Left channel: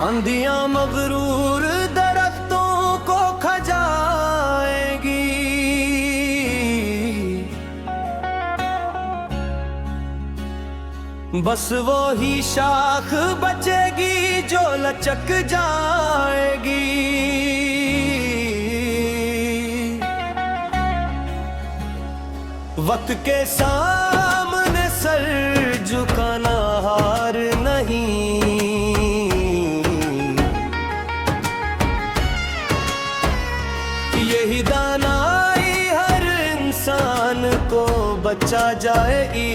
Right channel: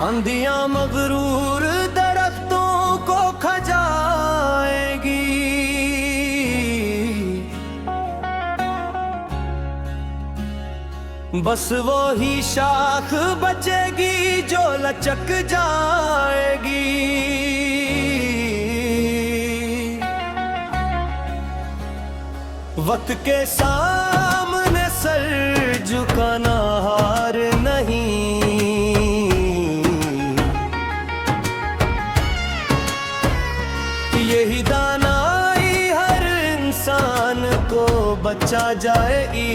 आंधियां मगरूर दरख्तों को खजाएगी, बस वो ही शाख बचेगी जो लचक जाएगी। वक्त के सामने सर झुकाना हार नहीं, यही दानाई हर इंसान को बचा जाएगी।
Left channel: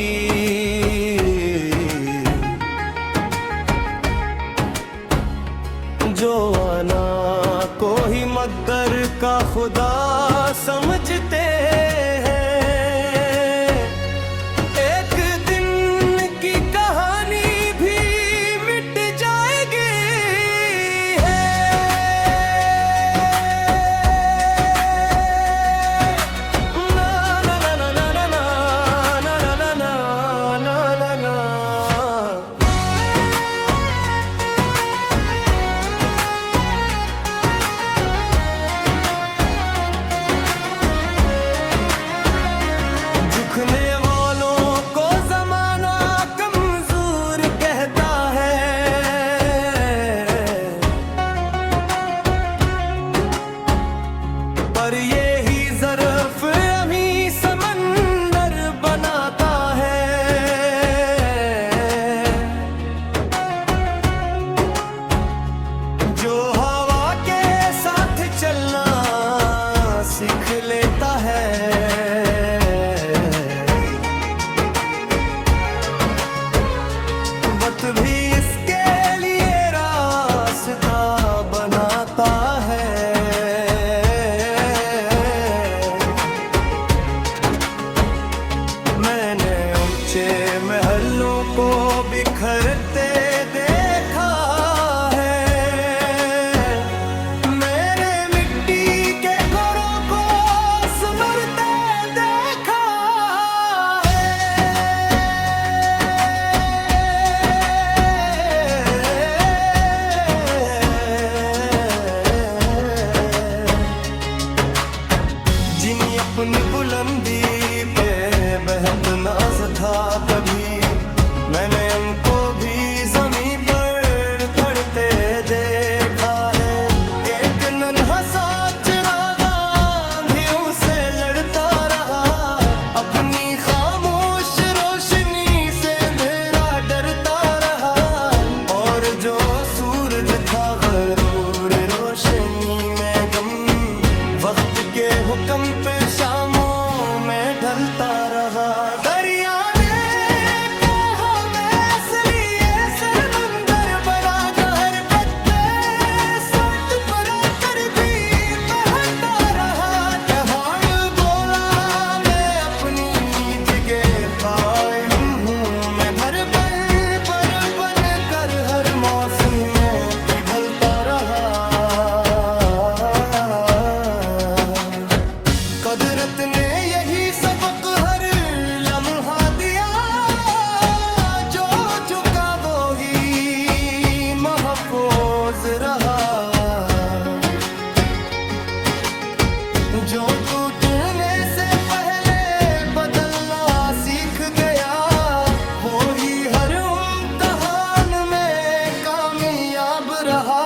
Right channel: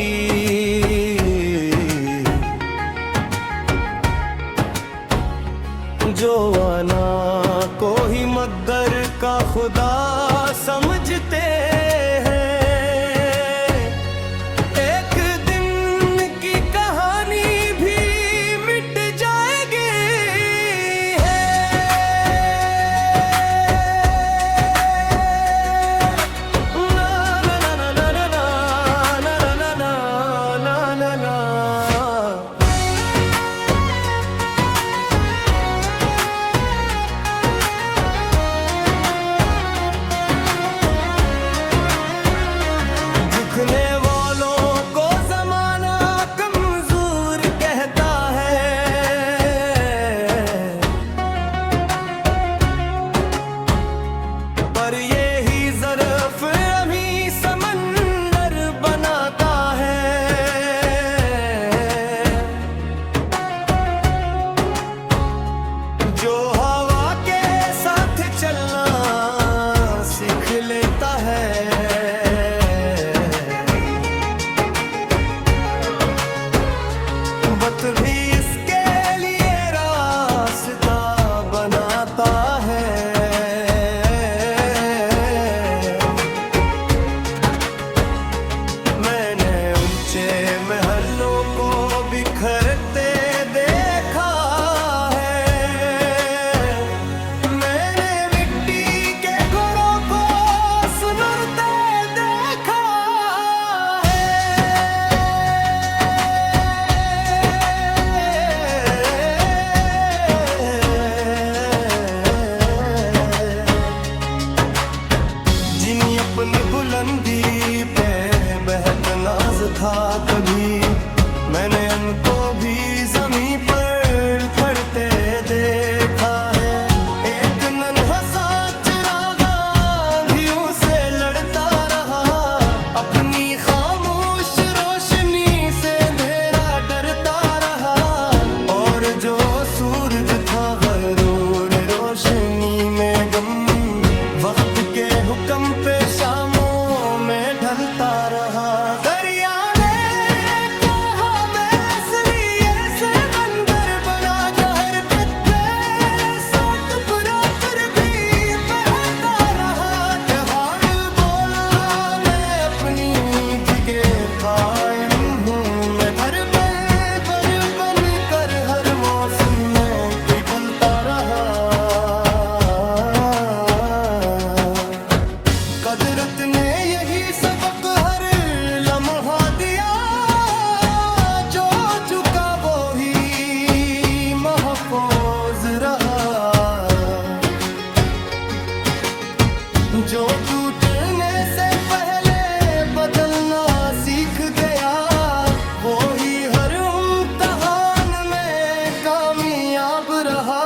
जो आना को ही मगर का खुदा समझते हैं, एक दिन की कहानी भी मिट जाएगी। ना ना ना ना ना ना ना ना ना ना ना ना। झुकने वालों को ज़माना कमज़ोर कहता है, पर ये ही ज़र्फ़ अमी समंदर बनाता है। जो हवा के साथ चलना सीख लेता है, वक्त भी इसके लिए रास्ता बनाता है। मैंने ऊंचे महलों को बिखरते देखा है, मैंने मिट्टी के घरों को सुनरते देखा जिन्हीं अपनी बुलंदी पे बेहद नाज था कभी, मैंने उनको भी ज़मीं पर खड़ते देखा है। एक नन्हा सा चिराग आंधियों से लड़ता रहा, अपनी खामोश रोशनी से अंधेरा डरता रहा, और जो सूरज था गरूर रोशनी में गम, वक्त के हुक्म पे शामों में ढलता रहा। दरिया ने कहा मैं इसलिए समंदर बना कहर पे सौ टुकड़ा कर भी बहता रहा। पहाड़ बोला मैं अपनी जगह कायम हूँ, मैं भर बन कर हर मौसम में पिघलता रहा। कुदरत ने यही सबक हर लम्हा दिया, जो झुका वो ही महफूज रहा। जो टूटने से पहले बदलना सीख गया, वो ही हर इम्तिहान में कामयाब रहा।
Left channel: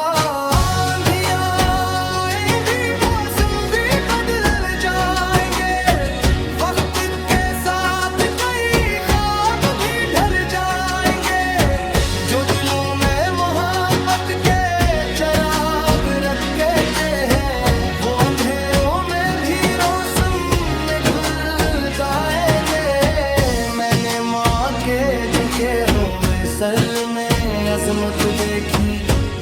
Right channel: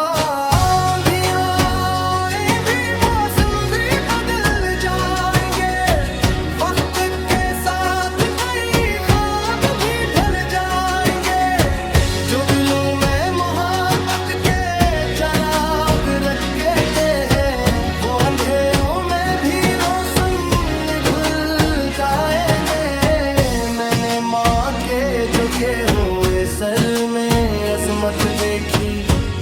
जो दिलों में मोहब्बत के चराग रखते हैं, वो अंधेरों में भी रोशन ढल जाएंगे। मैंने माँ के झुके हुए सर में अजमत देखी,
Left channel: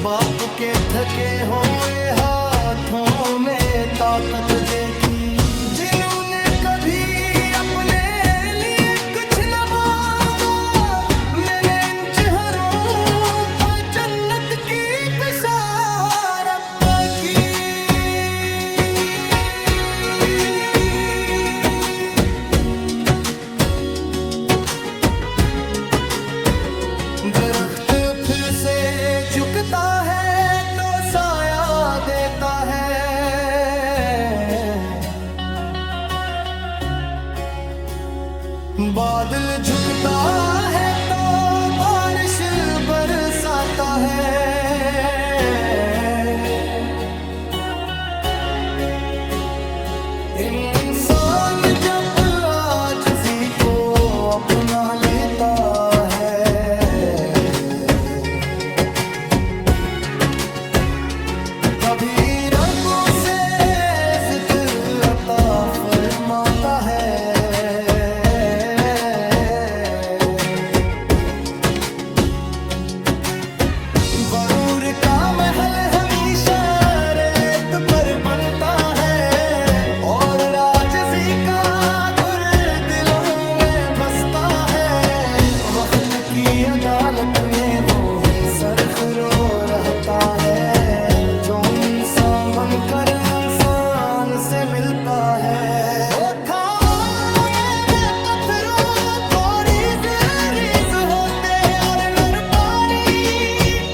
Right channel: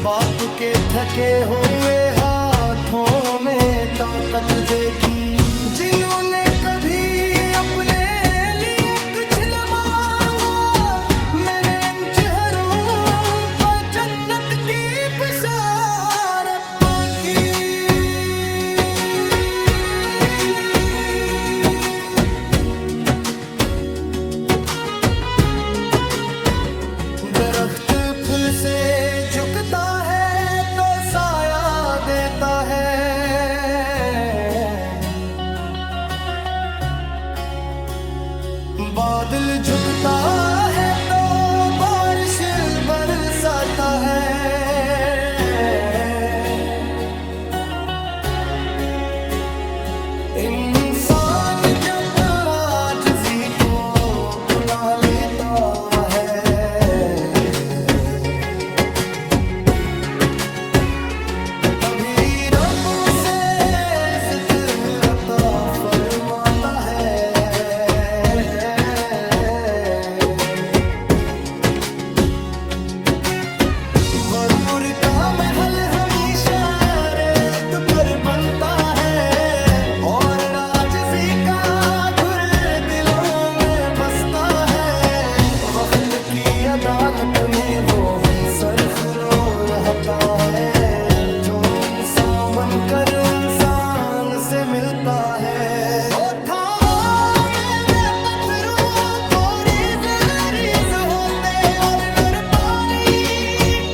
बाप के थके हुए हाथों में ताकत देखी। जिन्होंने कभी अपने लिए कुछ न मांगा, मैंने इन चेहरों पर जन्नत की बिशारत की। दरख्त फिर से झुकता है, बादल झुकता है तो बारिश बरसाता है। इंसान जब आजिज़ी को अपना लेता है, तभी रब से इज़्ज़त अता फरमाता है। गरूर का महल हमेशा रेत पर बनता है, और आजिज़ी का गुर दिलों में बसता है। वक्त की अदालत में वो ही सरखरो रहता है, जो इंसान बनकर इंसान से मिलता है। वो थामा में पत्थरों को रीज़ रीज़ होते, और नर पानी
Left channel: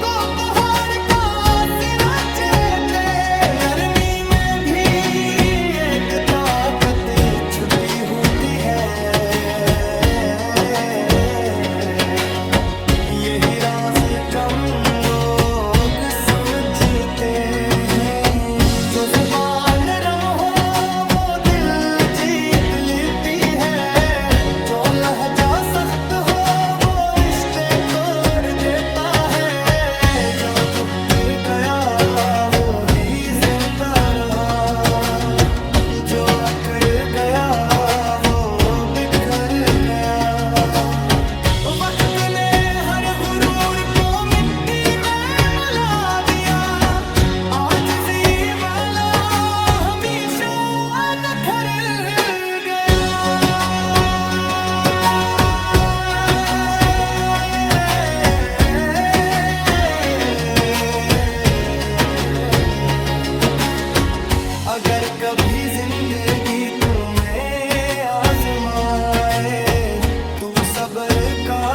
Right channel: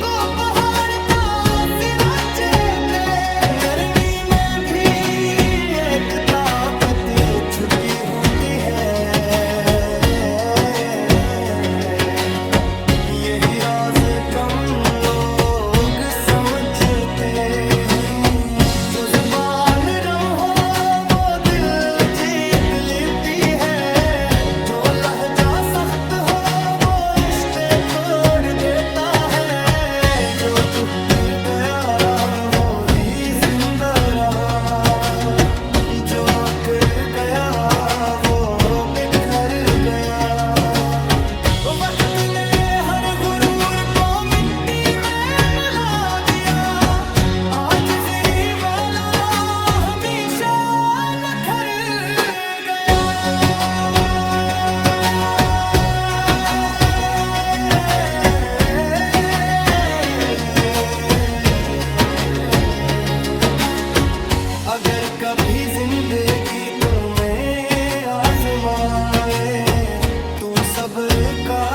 को पहाड़ का सीना चेते। नरमी में भी एक ताकत छुपी होती है, यही राज कम लोग समझते हैं। जो जुबान रम हो वो दिल जीत लेती है, जो लहजा सख्त हो वो रिश्ते तोड़ देता है। जो झुक गया वो ही जिंदा रहा, जो अकड़ गया वो बिखर गया। वक्त ने हर गुरूर को मिट्टी में मिला दिया, आजिज़ी वाला हमेशा निखर गया। अगर कभी जिंदगी तुम्हें आजमाए, तू सब्र का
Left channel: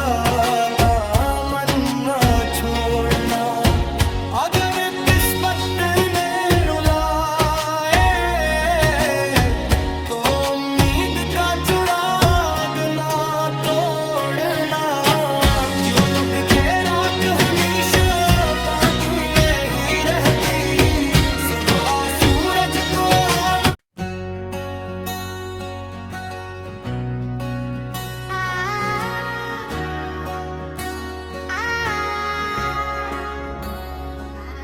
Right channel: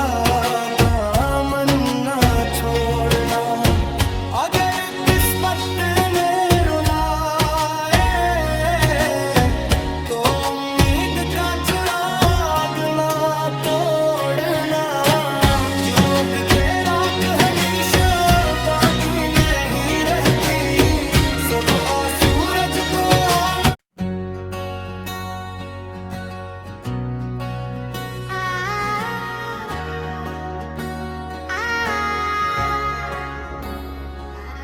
दामन ना छोड़ना। अगर किस्मत ने रुलाए तो उम्मीद का चिराग ना तोड़ना। जुग के राख हमेशा बाकी नहीं रहती, सुबह सूरज को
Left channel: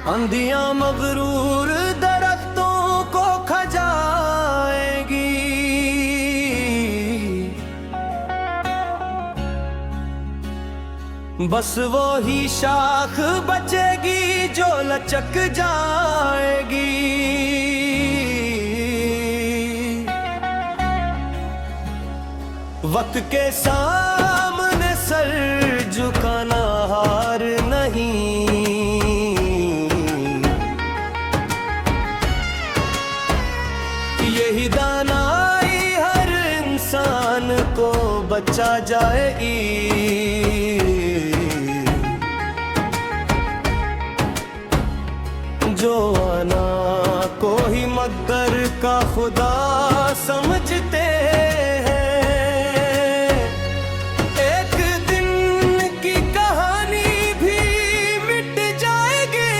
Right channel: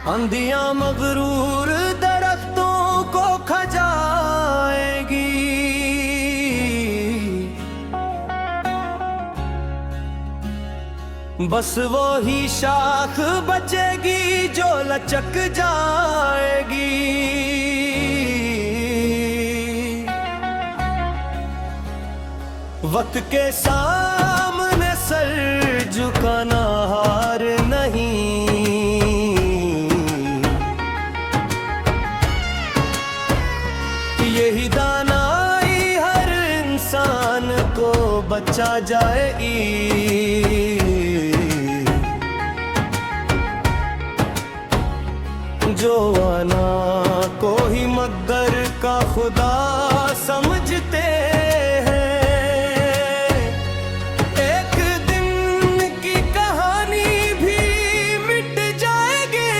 आंधियां मगरूर दरख्तों को खजाएगी, बस वो ही शाख बचेगी जो लचक जाएगी। वक्त के सामने सर झुकाना हार नहीं, यही दानाई हर इंसान को बचा जाएगी। जो आना को ही मगर का खुदा समझते हैं, एक दिन की कहानी भी मिट जाएगी।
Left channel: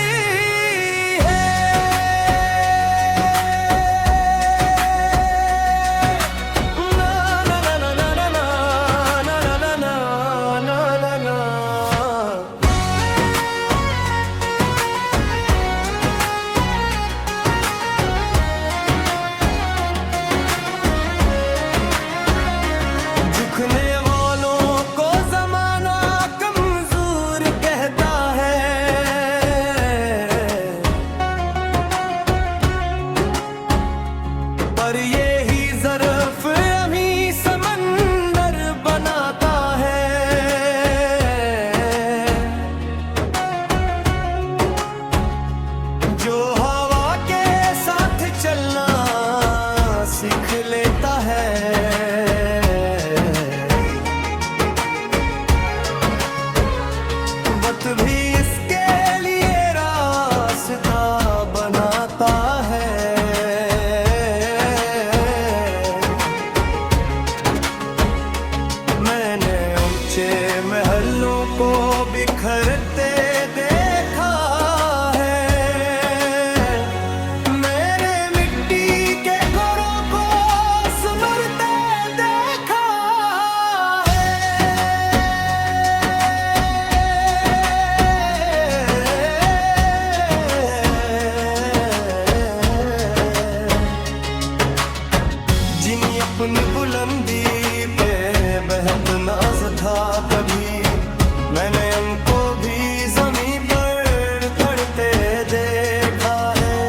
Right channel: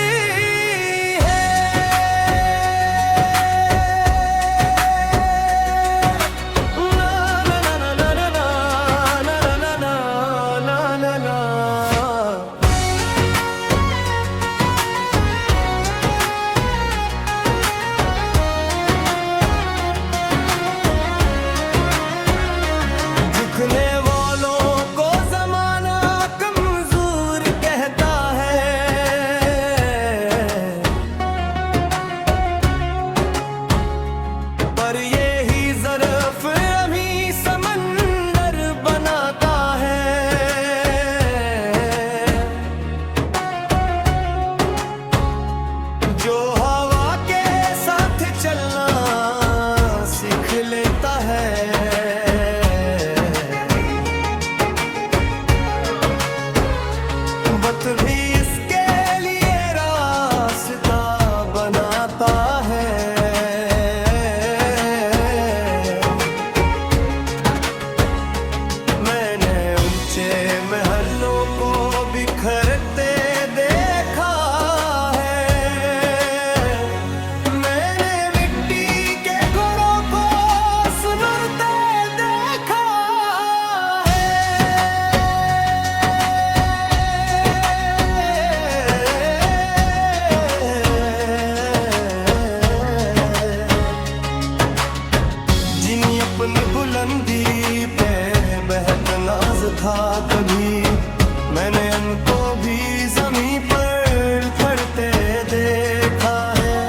झुकने वालों को जमाना कमजोर कहता है, पर ये ही ज़र्फ़ अमी समंदर बनाता है। जो हवा के साथ चलना सीख लेता है, वक्त भी इसके लिए रास्ता बनाता है। जिनी अपनी बुलंदी पे बेहद नाज था कभी, मैंने उनको भी ज़मीं पर खड़ते देखा है।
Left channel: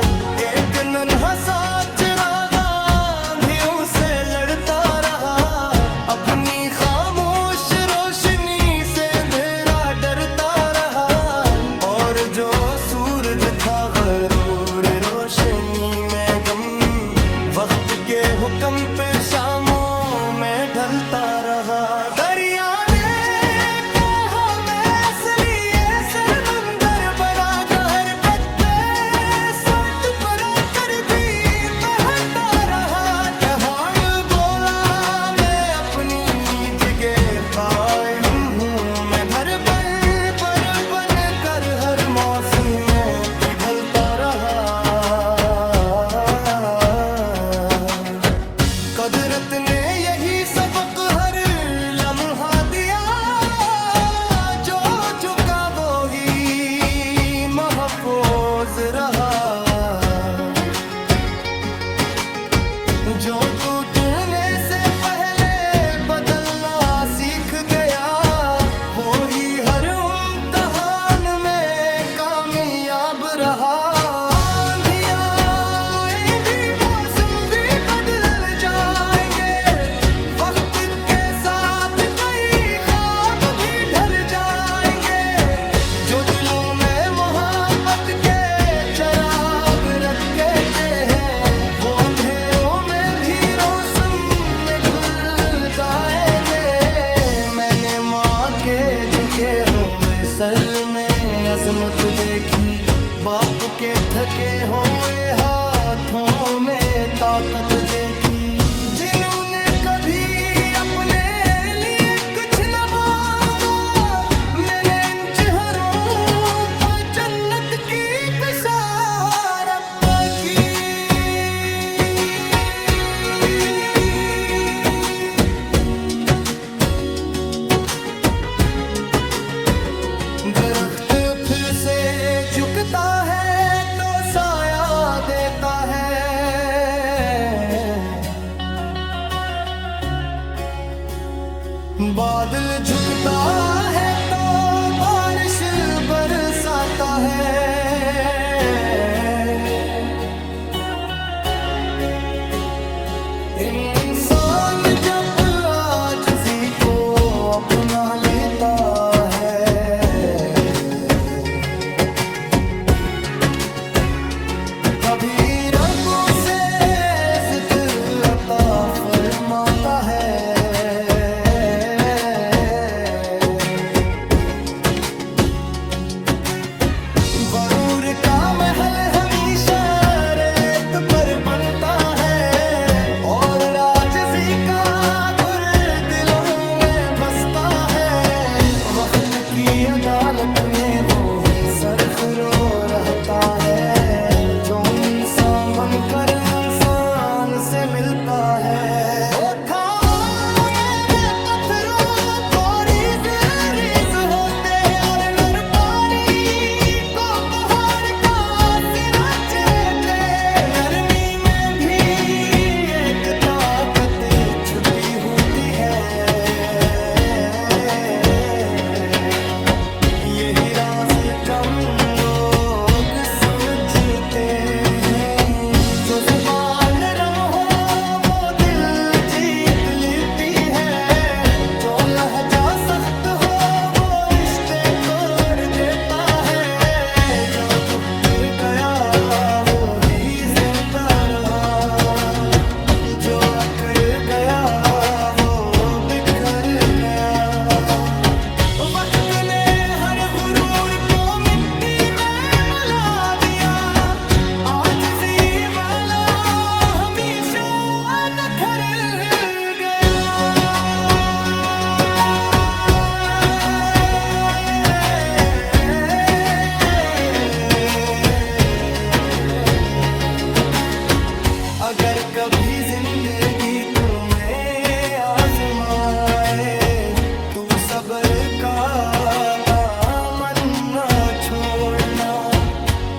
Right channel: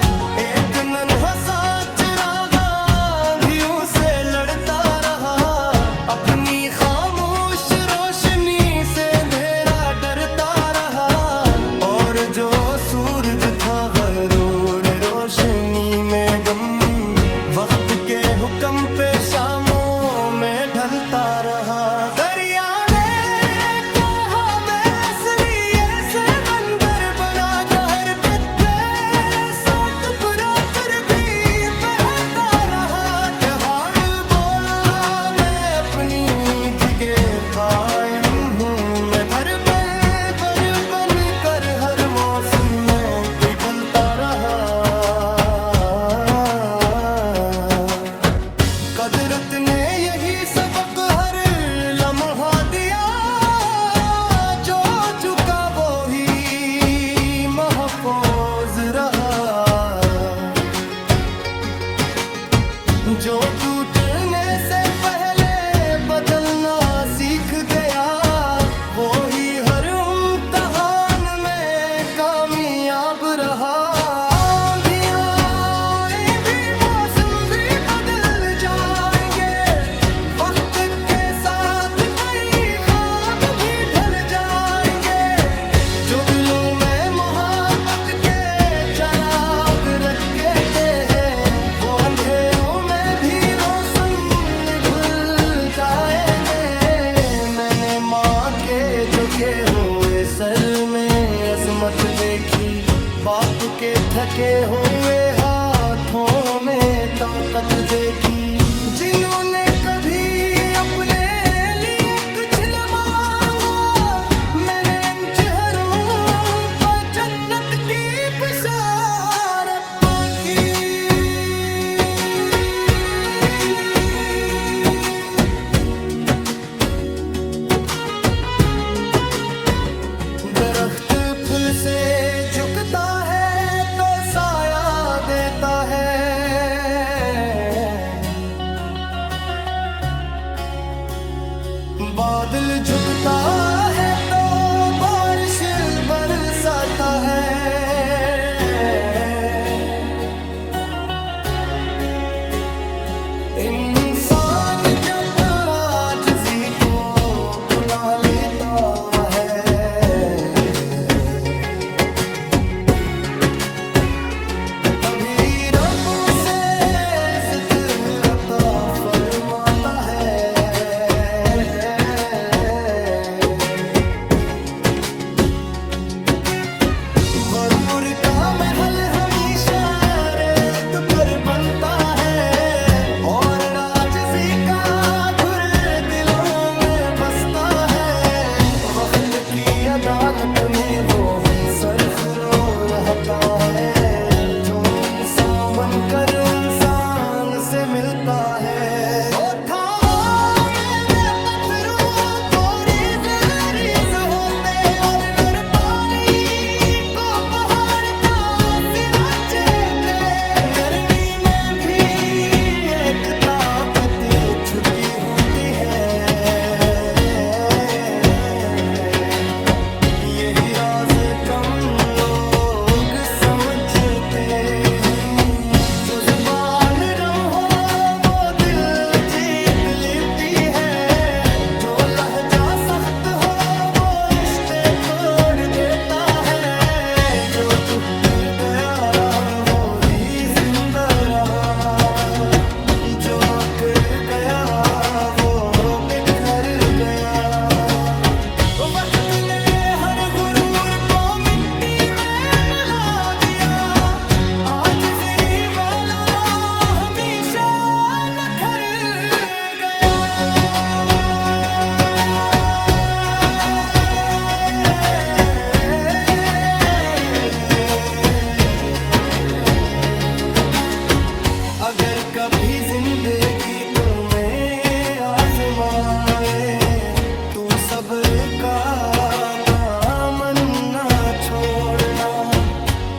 एक नन्हा सा चिराग आंधियों से लड़ता रहा, अपनी खामोश रोशनी से अंधेरा डरता रहा। और जो सूरज था गरूर रोशनी में गम, वक्त के हुक्म पे शामों में ढलता रहा। दरिया ने कहा मैं इसलिए से बंदर बना, कहर पे सौ टुकड़ा कर भी पहनता रहा। पहाड़ बोला मैं अपनी जगह कायम हूँ, मैं हर पल पर बन कर हर मौसम में पिघलता रहा। कुदरत ने यही सबक हर लम्हा दिया, जो झुका वो ही महफूज रहा। जो टूटने से पहले बदलना सीख गया, वो ही हर इम्तिहान में कामयाब रहा। जो दिलों में मोहब्बत के चराग रखते हैं, वो अंधेरों में भी रोशन में घुल जाएंगे। मैंने माँ के झुके हुए सर में अजमत देखी, बाप के थके हुए हाथों में ताकत देखी। जिन्होंने कभी अपने लिए कुछ न मांगा, मैंने की बिशारत की। दरख्त फिर से झुकता है तो साया देता है, बादल झुकता है तो बारिश बरसाता है। इंसान जब आजिज़ी को अपना लेता है, तभी रब से इज़्ज़त अता फरमाता है। गरूर का महल हमेशा रेत पर बनता है, और राजसी का घुर दिलों में बसता है। वक्त की अदालत में वो ही सरखरो रहता है, जो इंसान बनकर इंसान से मिलता है। छुपी होती है, यही राज कम लोग समझते हैं। जो जुबान रम हो वो दिल जीत लेती है, जो लहजा सख्त हो वो रिश्ते तोड़ देता है। जो झुक गया वो ही जिंदा रहा, जो अकड़ गया वो बिखर गया। वक्त ने हर गुरूर को मिट्टी में मिला दिया, आजिज़ी वाला हमेशा नखर गया। अगर कभी जिंदगी तुम्हें आजमाए, तू सब्र का दामन न छोड़ना।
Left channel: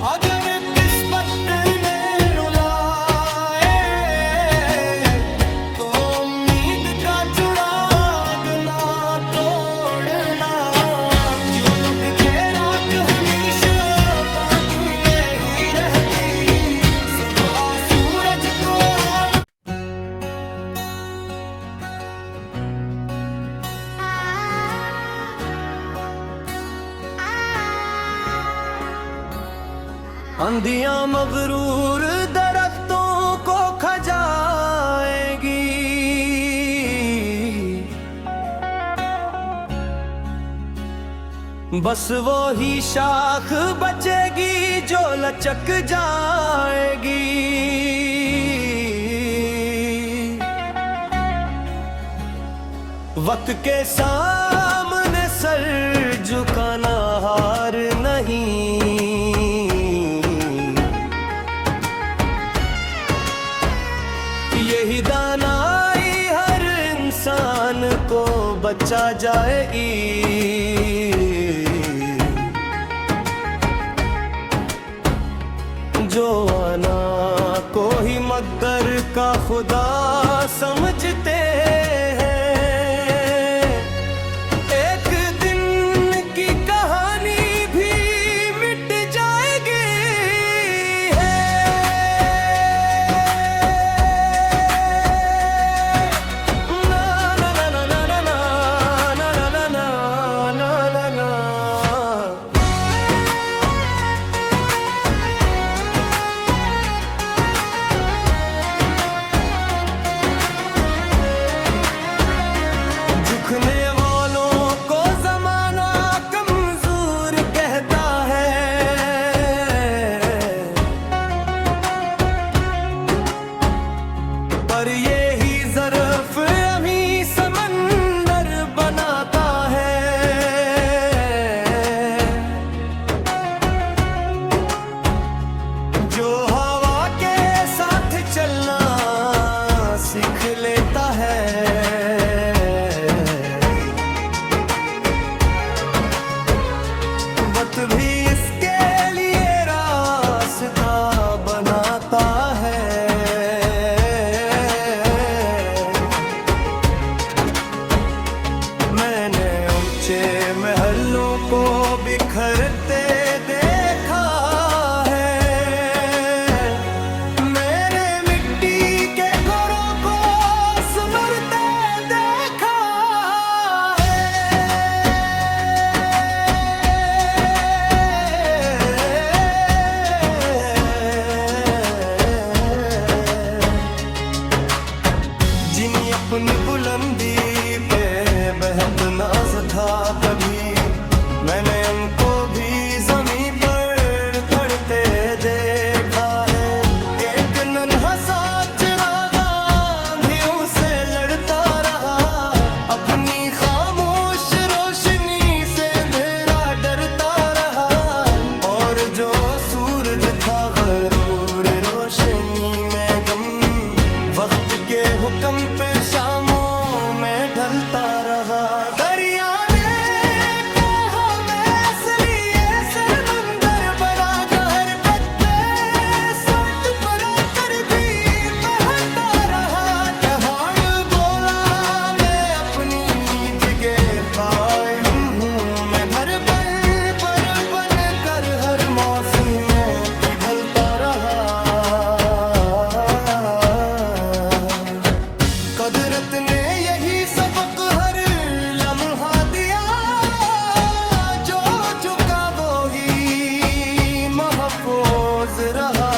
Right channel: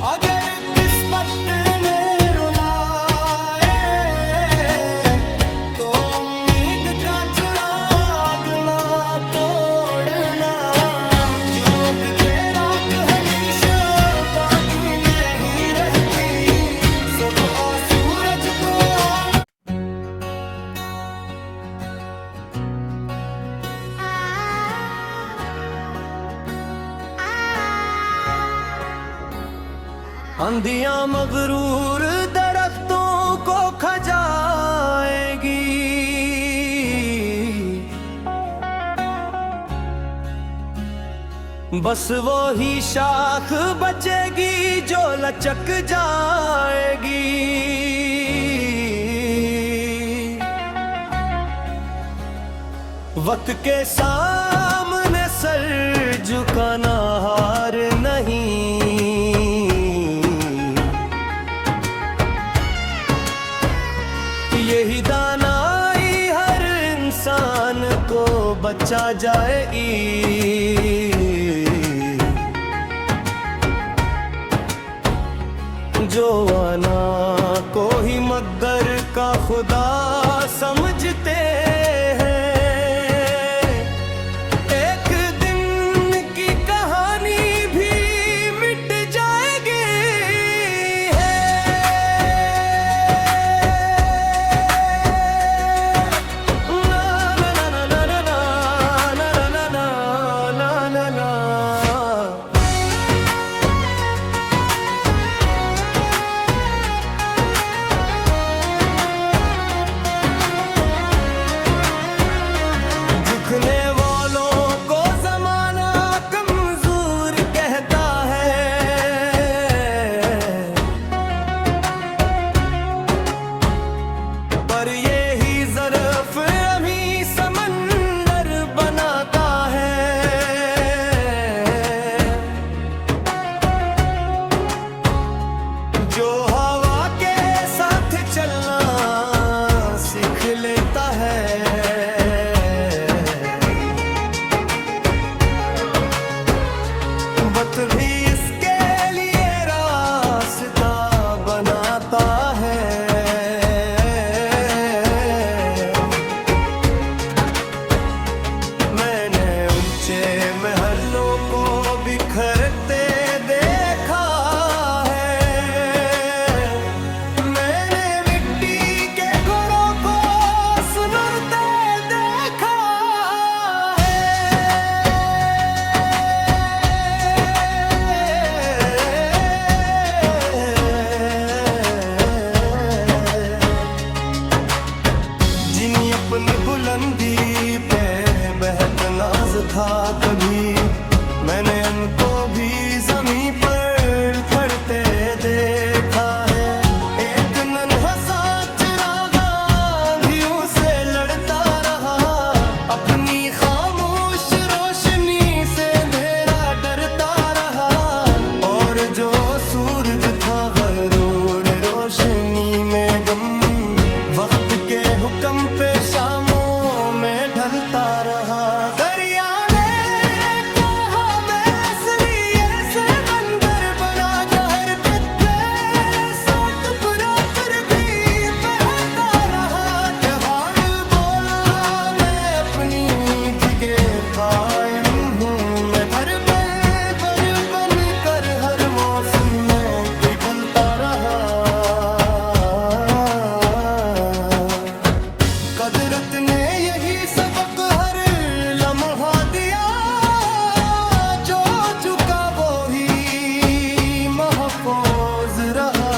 अगर किस्मत ने रुलाए आंधियां मगरूर दरख्तों को खजाएगी, बस वो ही शाख बचेगी जो लचक जाएगी। वक्त के सामने सर झुकाना हार नहीं, यही दानाई हर इंसान को बचा जाएगी। जो आना को ही मगर का खुदा समझते हैं, एक दिन की कहानी भी मिट जाएगी है। ना ना ना ना ना ना ना ना ना ना ना ना। झुकने वालों को जमाना कमजोर कहता है, पर ये ही ज़र्फ़ अमी समंदर बनाता है। जो हवा के साथ चलना सीख लेता है, वक्त भी इसके लिए रास्ता बनाता है। मैंने ऊंचे महलों को बिखरते देखा है, मैंने मिट्टी के घरों को सुनरते देखा जिन्हीं अपनी बुलंदी पे बेहद नाज था कभी, मैंने उनको भी ज़मीं पर खड़ते देखा है। एक नन्हा सा चिराग आंधियों से लड़ता रहा, अपनी खामोश रोशनी से अंधेरा डरता रहा, और जो सूरज था गरूर रोशनी में गम, वक्त के हुक्म पे शामों में ढलता रहा। दरिया ने कहा मैं इसलिए समंदर बना कहर पे सौ टुकड़ा कर भी बहता रहा। पहाड़ बोला मैं अपनी जगह कायम हूँ, मैं भर बन कर हर मौसम में पिघलता रहा। कुदरत ने यही सबक हर लम्हा दिया, जो झुका वो ही महफूज रहा।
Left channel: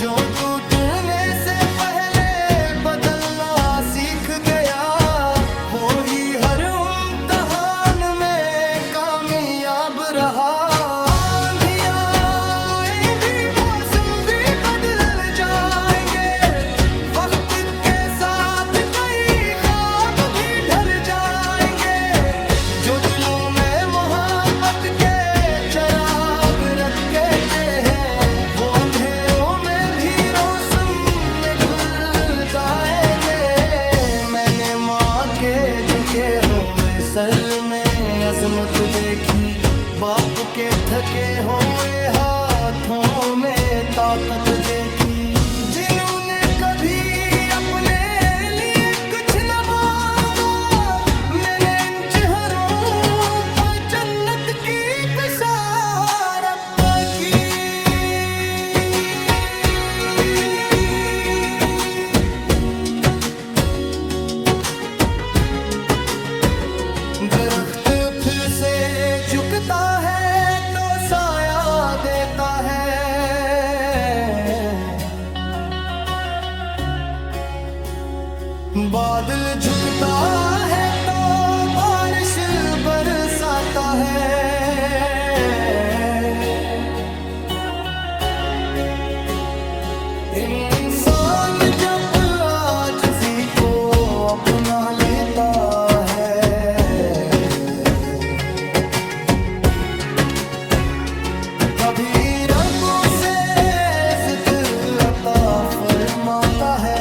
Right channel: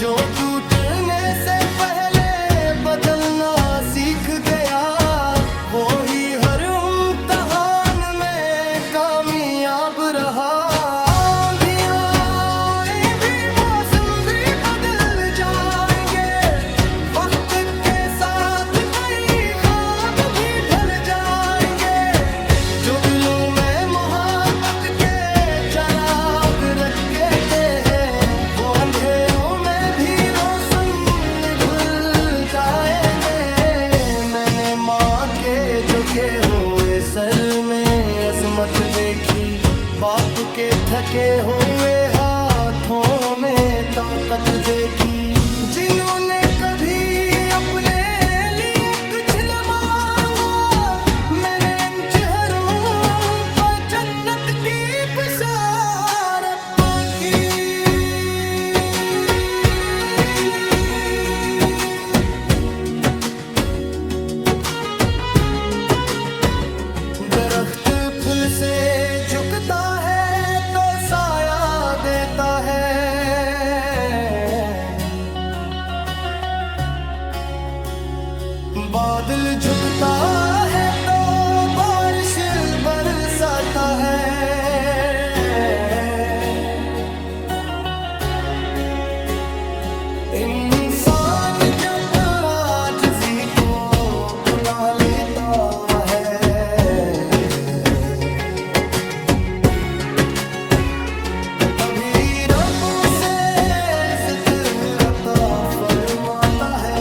जो टूटने से पहले बदलना सीख गया, वो ही हर इम्तिहान में कामयाब रहा। जो दिलों में मोहब्बत के चिराग रखते हैं, वो अंधेरों में भी रोशन में घुल जाएंगे। मैंने माँ के झुके हुए सर में अजमत देखी, बाप के थके हुए हाथों में ताकत देखी। जिन्होंने कभी अपने लिए कुछ न मांगा, मैंने इन चेहरों पर जन्नत की बिशारत की। दरख्त फिर से झुकता है, बादल झुकता है तो बारिश बरसाता है। इंसान जब आजिज़ी को अपना लेता है, तभी रब उसे इज़्ज़त अता फरमाता है।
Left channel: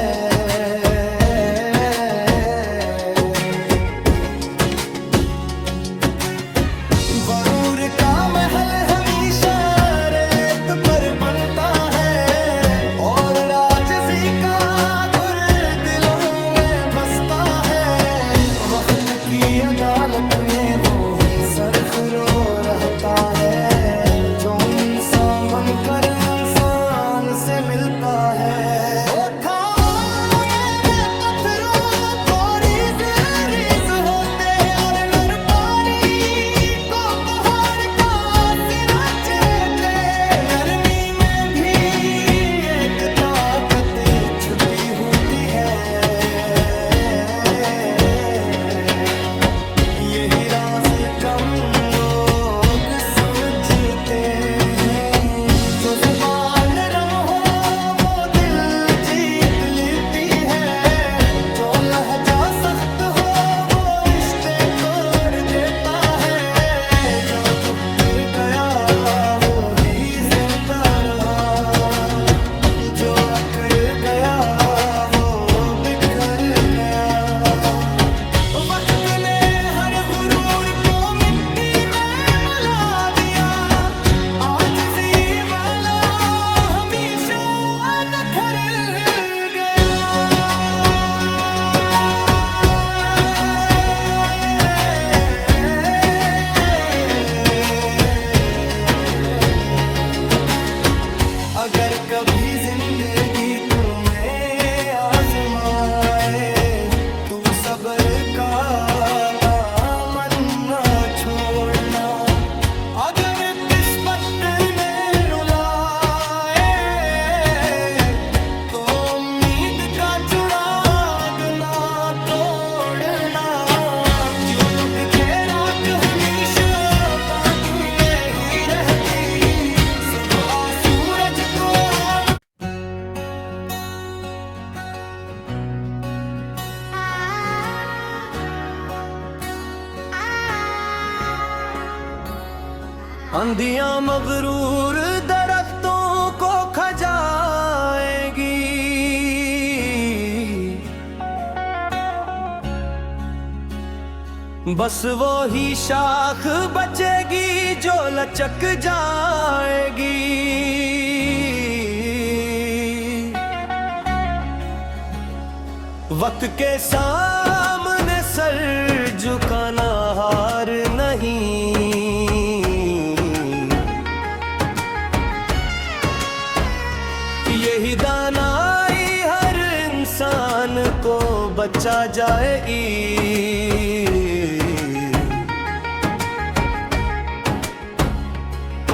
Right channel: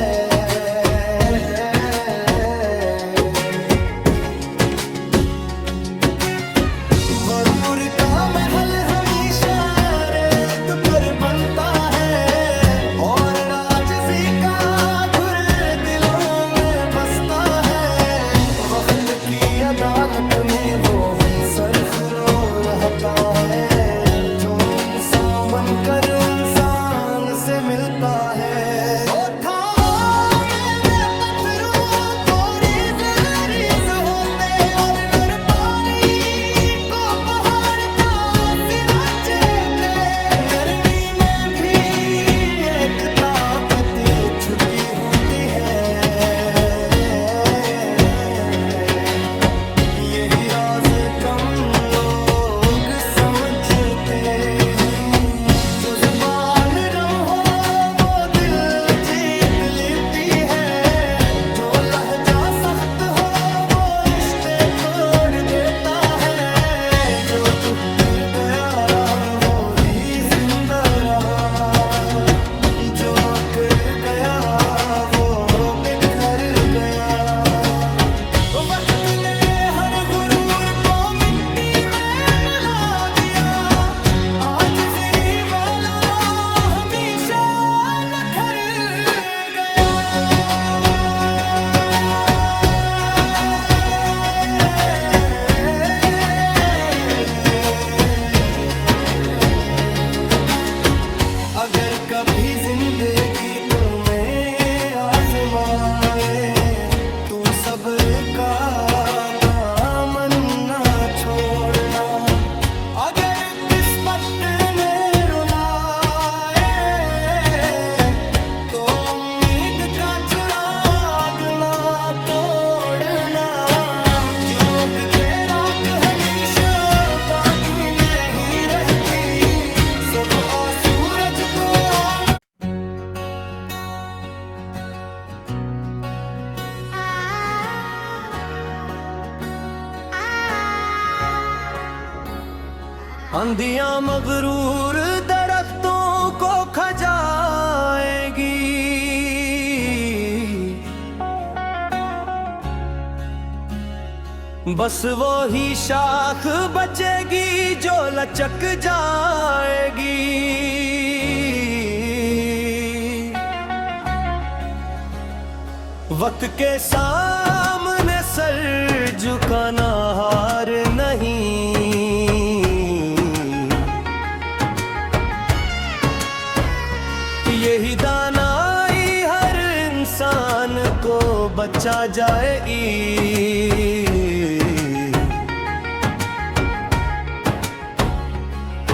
गरूर का महल हमेशा रेत पर बनता है, और राजिज़ी का गुर दिलों में बसता है। वक्त की अदालत में वो ही सरखरो रहता है, जो इंसान बनकर इंसान से मिलता है। छुट्टी होती है, यही राज कम लोग समझते हैं। जो जुबान रम हो वो दिल जीत लेती है, जो लहजा सख्त हो वो रिश्ते तोड़ देता है। जो झुक गया वो ही जिंदा रहा, जो अकड़ गया वो बिखर गया। वक्त ने हर गुरूर को मिट्टी में मिला दिया, आजिज़ी वाला हमेशा निखर गया। अगर कभी जिंदगी तुम्हें आजमाए, तू सब्र का दामन ना छोड़ना। अगर किस्मत ने रुलाए तो उम्मीद का चिराग ना तोड़ना। जुग के राख हमेशा बाकी नहीं रहती, सुबह सूरज को आंधियां मगरूर दरख्तों को खजाएगी, बस वो ही शाख बचेगी जो लचक जाएगी। वक्त के सामने सर झुकाना हार नहीं, यही दानाई हर इंसान को बचा जाएगी।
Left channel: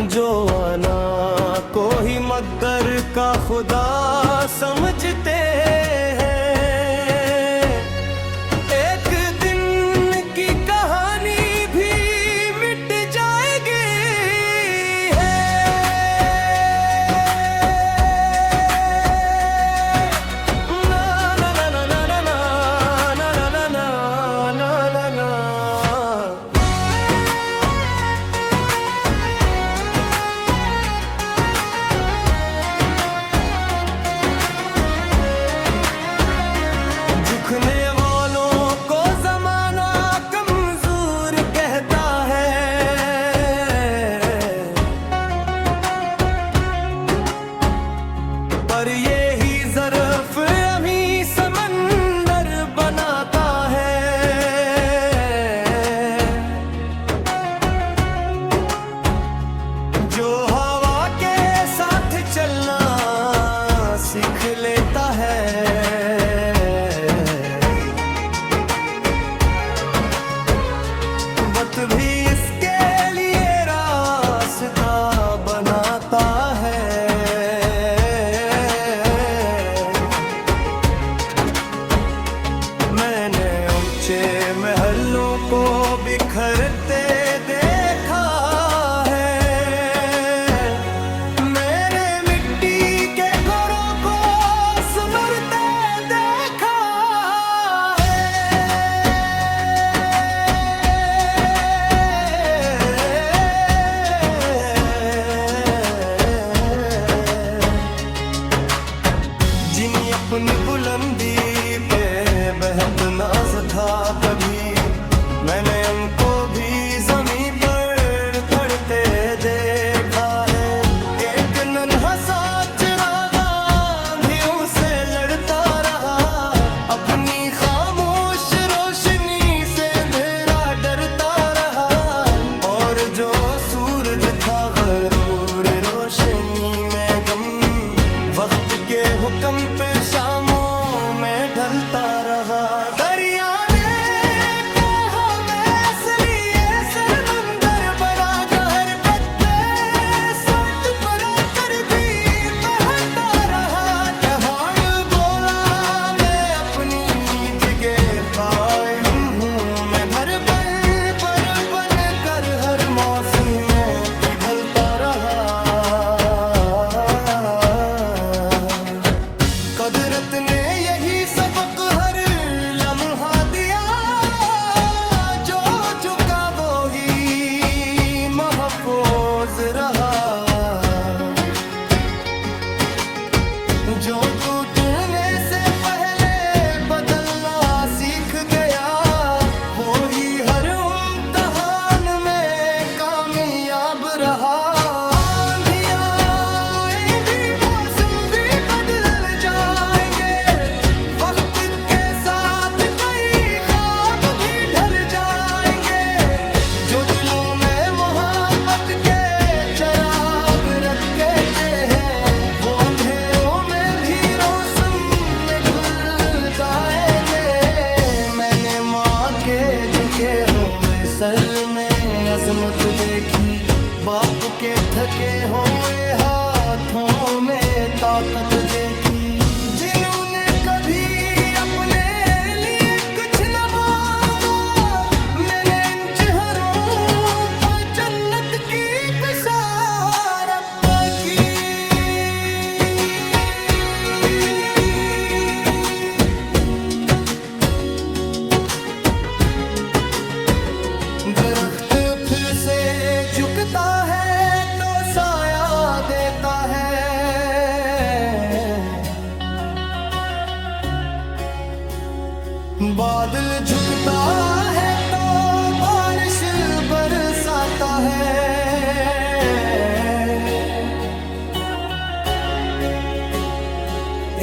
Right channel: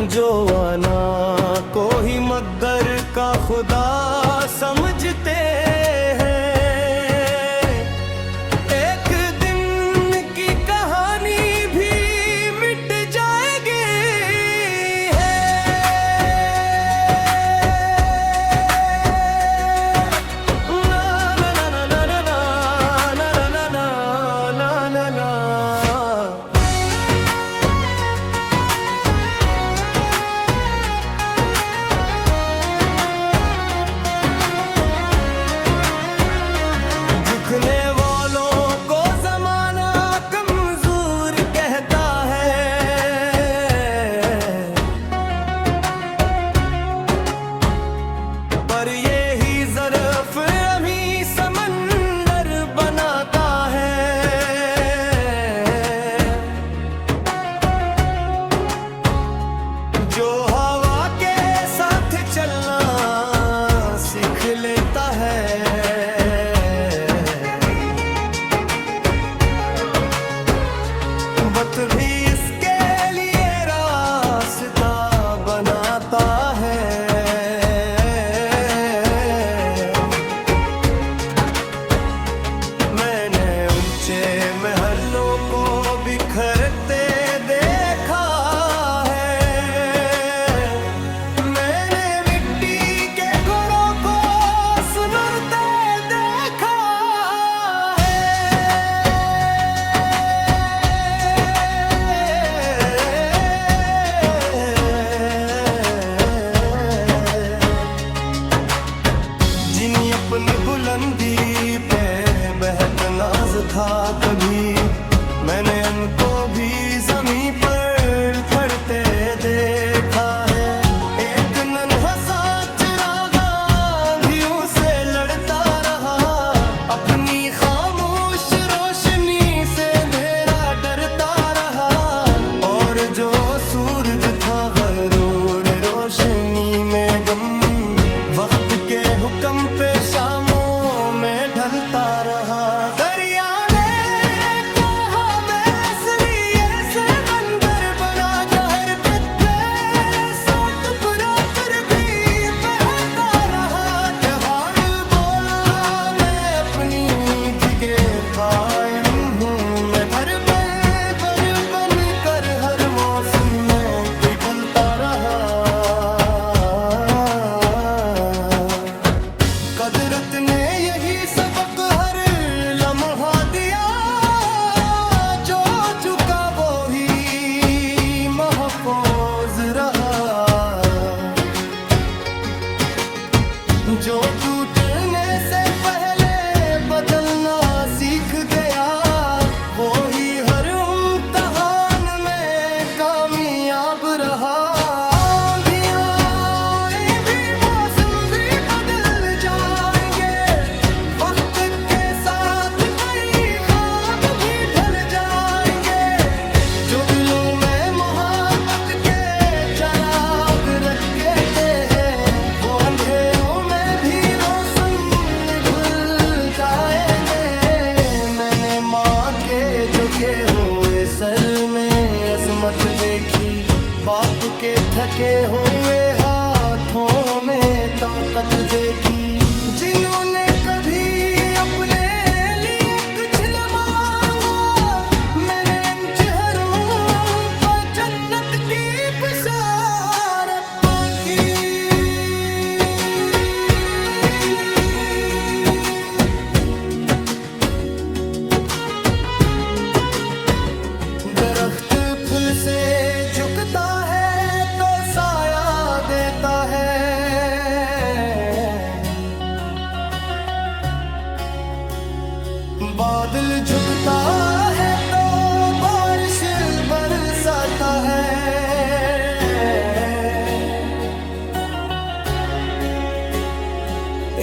जो आना को ही मगर का खुदा समझते हैं, एक दिन की कहानी भी मिट जाएगी। ना ना ना ना ना ना ना ना ना ना ना ना। झुकने वालों को जमाना कमजोर कहता है, पर ये ही ज़र्फ़ अमी समंदर बनाता है। जो हवा के साथ चलना सीख लेता है, वक्त भी इसके लिए रास्ता बनाता है। जिनी अपनी बुलंदी पे बेहद नाज था कभी, मैंने उनको भी ज़मीं पर खड़ते देखा है। एक नन्हा सा चिराग आंधियों से लड़ता रहा, अपनी खामोश रोशनी से अंधेरा डरता रहा। और जो सूरज था गरूर रोशनी में गम, वक्त के हुक्म पे शामों में ढलता रहा। दरिया ने कहा मैं इसलिए समंदर बना, कहर पे सौ टुकड़ा कर भी बहता रहा। पहाड़ बोला मैं अपनी जगह कायम हूँ, मैं घर बन कर हर मौसम में पिघलता रहा। कुदरत ने यही सबक हर लम्हा दिया, जो झुका वो ही महफूज रहा। जो टूटने से पहले बदलना सीख गया, वो ही हर इम्तिहान में कामयाब रहा। जो दिलों में मोहब्बत के चराग रखते हैं, वो अंधेरों में भी रोशन में घुल जाएंगे। मैंने माँ के झुके हुए सर में अजमत देखी, बाप के थके हुए हाथों में ताकत देखी। जिन्होंने कभी अपने लिए कुछ न मांगा, मैंने इन चेहरों पर जन्नत की बिशारत की। दरख्त फिर से झुकता है तो साया देता है, बादल झुकता है तो बारिश बरसाता है।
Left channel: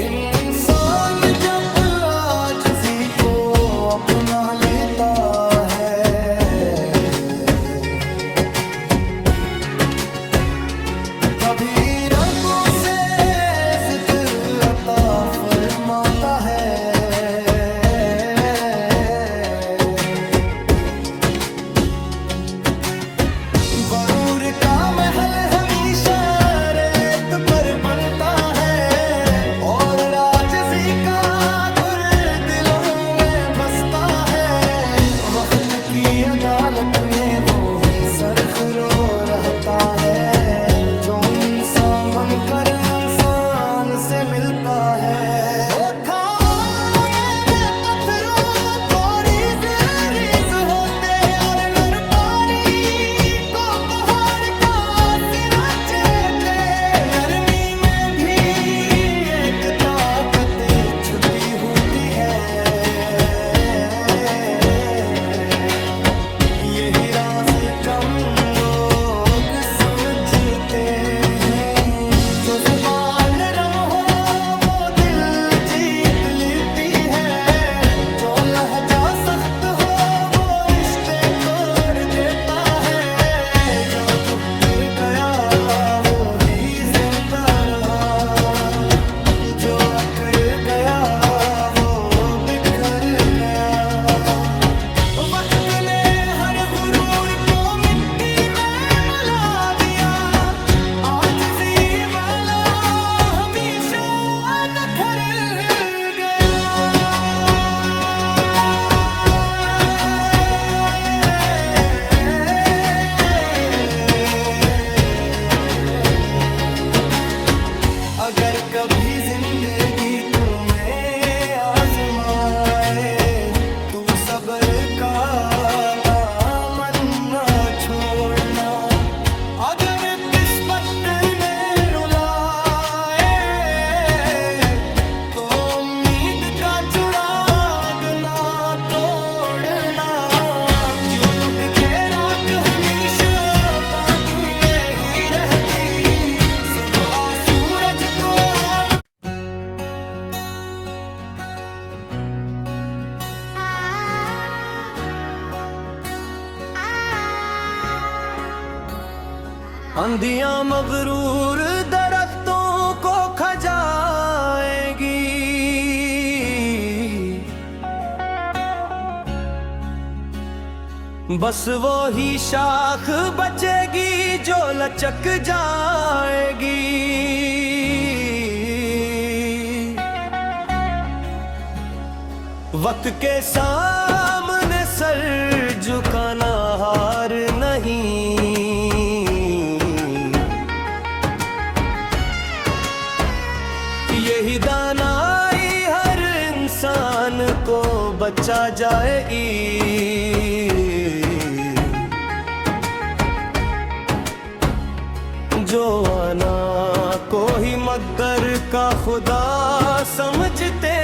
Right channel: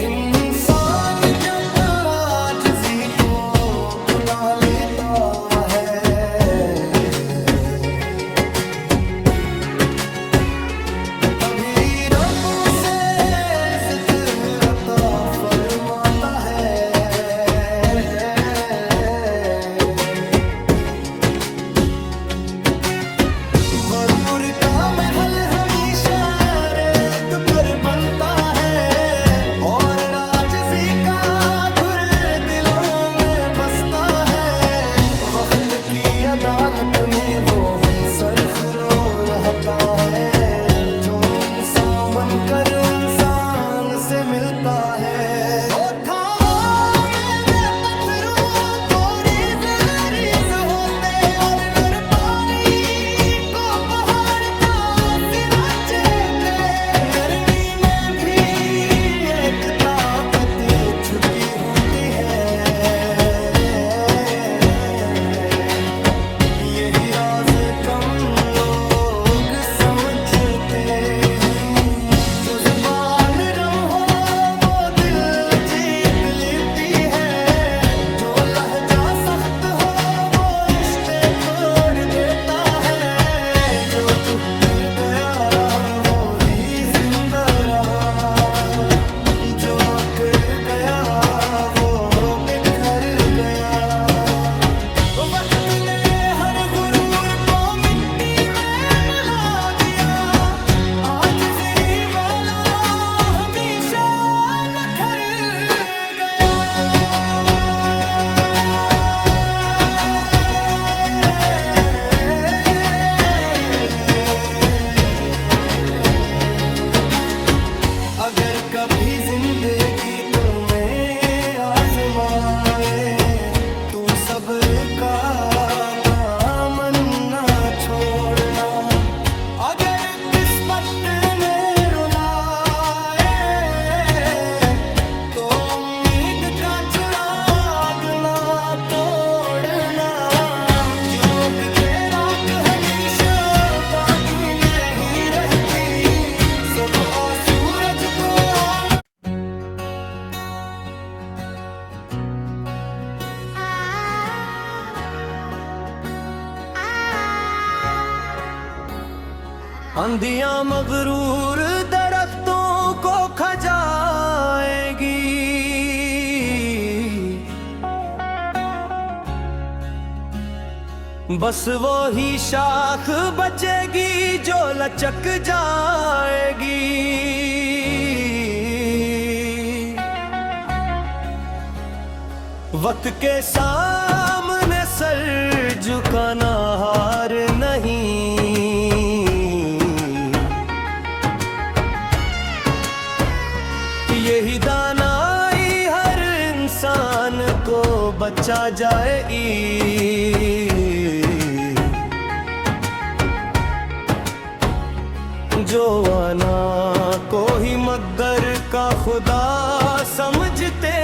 इंसान जब आजिज़ी को अपना लेता है, तभी रब से इज़्ज़त अता फरमाता है। गरूर का महल हमेशा रेत पर बनता है, और आजिज़ी का घुर दिलों में बसता है। वक्त की अदालत में वो ही सरखरो रहता है, जो इंसान बनकर इंसान से मिलता है। छुपी होती है, यही राज कम लोग समझते हैं। जो जुबान रम हो वो दिल जीत लेती है, जो लहजा सख्त हो वो रिश्ते तोड़ देता है। जो झुक गया वो ही जिंदा रहा, जो अकड़ गया वो बिखर गया। वक्त ने हर गुरूर को मिट्टी में मिला दिया, आजिज़ी वाला हमेशा निखर गया। अगर कभी जिंदगी तुम्हें आजमाए, तू सब्र का दामन न छोड़ना। अगर किस्मत ने रुलाए आंधियां मगरूर दरख्तों को खजाएगी, बस वो ही शाख बचेगी जो लचक जाएगी। वक्त के सामने सर झुकाना हार नहीं, यही दानाई हर इंसान को बचा जाएगी। जो आना को ही मगर का खुदा समझते